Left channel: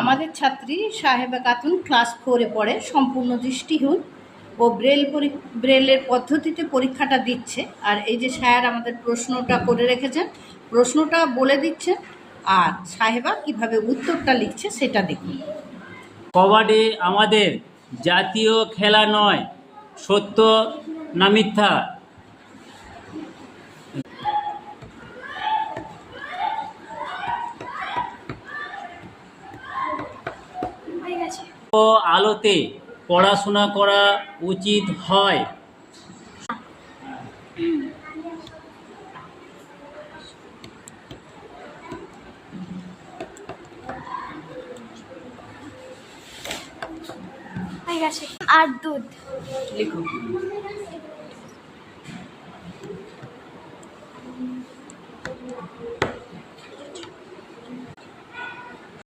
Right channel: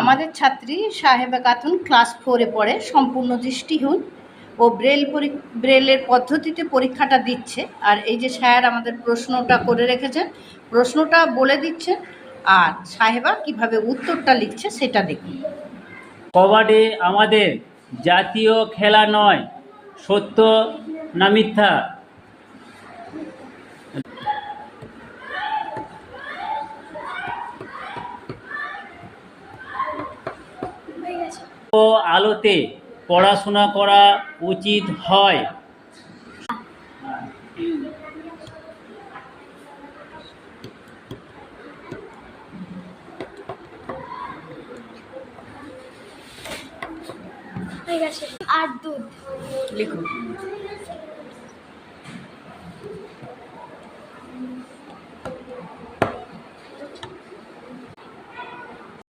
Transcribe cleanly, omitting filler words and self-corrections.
আমাদের ছাত্রী সাহেবা খাতুন ক্লাস 4-এ পড়ে, সম্পূর্ণ দৃষ্টিহীন ও ব্রেলের পদ্ধতিতে পরীক্ষাটা দিচ্ছে। আর এই যে স্যার আমাদের প্রশ্নটা করে রেখেছেন, প্রশ্নটা বলে দিচ্ছেন আর সাহেবা কিভাবে উত্তরটা লিখছে সেটা দেখুন। কবাডি আমাদের জাতীয় খেলা নয়, সত্য না মিথ্যা? ও আলোতে পড়াশোনা করা উচিত হয়? আর দুধ লিখুন।